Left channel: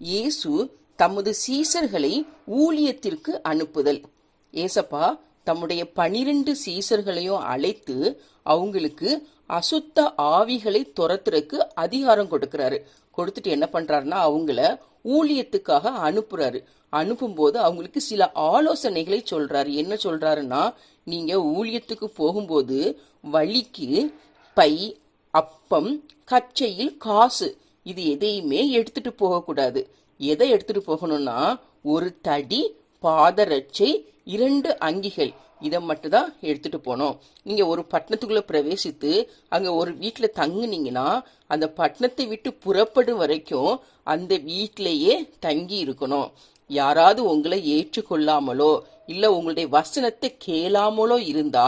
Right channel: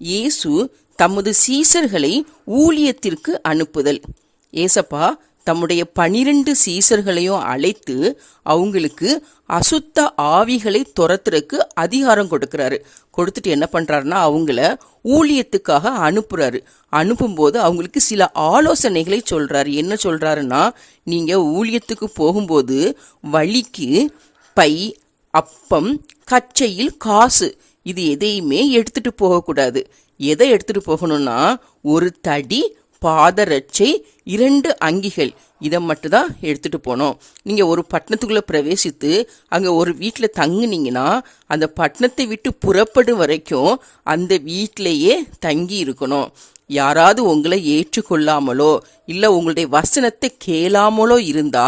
இயேசு தமது சீசர்களை ஊழியத்திற்கு அனுப்புதல். ஏசப்பா தம்முடைய 12 சீசர்களையும் அழைத்து அவங்களுக்கு அசுத்த ஆவிகளை துரத்துறதுக்கு அதிகாரம் கொடுக்கறாரு. கொடுத்துட்டு என்ன பண்றாருன்னா அவங்கள ஊழியத்துக்காக அனுப்புறாரு. அனுப்பும்போது அவங்களுக்கு சில ஆலோசனைகளை சொல்றாரு. என்ன சொல்றாருன்னா, நீங்க ஊழியத்துக்கு போகும்போது வழிக்கு பை, அப்பம், கச்சையில் காசு இது எதையுமே எடுத்துட்டு போகக்கூடாது. எதை எடுத்துட்டு போகணும்னா, ஒரு தடி, பாதரட்சை, 2 அங்கிகள், இதை மட்டும் தான் எடுத்துட்டு போனோம். நீங்க ஒரு பட்டணத்துக்குள்ள பிரவேசித்து அங்க ஒரு வீட்டில் தங்குனீங்கன்னா அந்த பட்டணத்தை விட்டு புறப்படும் வரைக்கும் அந்த வீட்டிலேயே தங்கி இருக்கணும். யாராவது உங்களை ஏற்றுக்கொள்ளாமலோ இல்லை உங்களுடைய வசனத்தை கேளாமலோ இருந்தா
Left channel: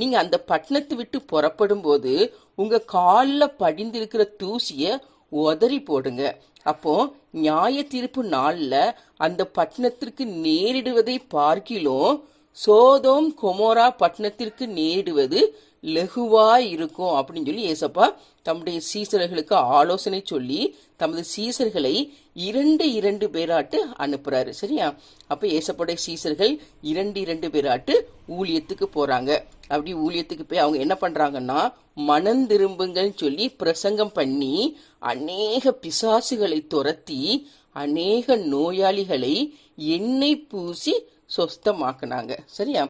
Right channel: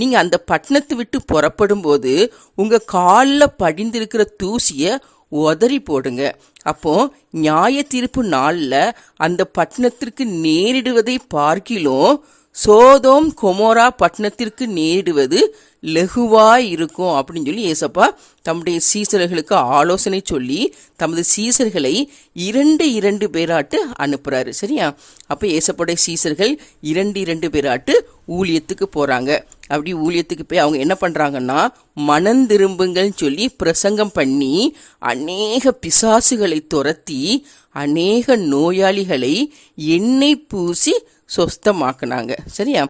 நீங்க அந்த பட்டணத்தை விட்டு புறப்படும் போது உங்க காலில் படிந்திருக்கிற தூசியை உதறி போடுங்க. அப்போ நியாய தீர்ப்பு நாள்ல அந்த பட்டணத்திற்கு நேரிடுவதை பார்க்கிலும் சோதோம் கொமோரா பட்டணத்திற்கு நேரிடுவது லகுவாய் இருக்கும் அப்படின்னு சொல்லி ஏசப்பா தம்முடைய சீசர்களுக்கு ஆலோசனை சொல்லி தமது சீசர்களை 2 பேராட்டு அனுப்புறாரு. சரியா? அப்ப ஏசப்படைய சீசர்கள் 2 பேராட்டு ஊழியத்துக்கு போறாங்க. அப்படி ஊழியத்துக்கு போய் அவங்க என்ன பண்றாங்கன்னா, மனம் திரும்புங்கள் சொல்லி பிரசங்கம் பண்ணி அநேக பிசாசுகளை துரத்தி அநேக நோயாளிகளை எண்ணெய் பூசி சொஸ்தமாக்குனாங்க. சரியா?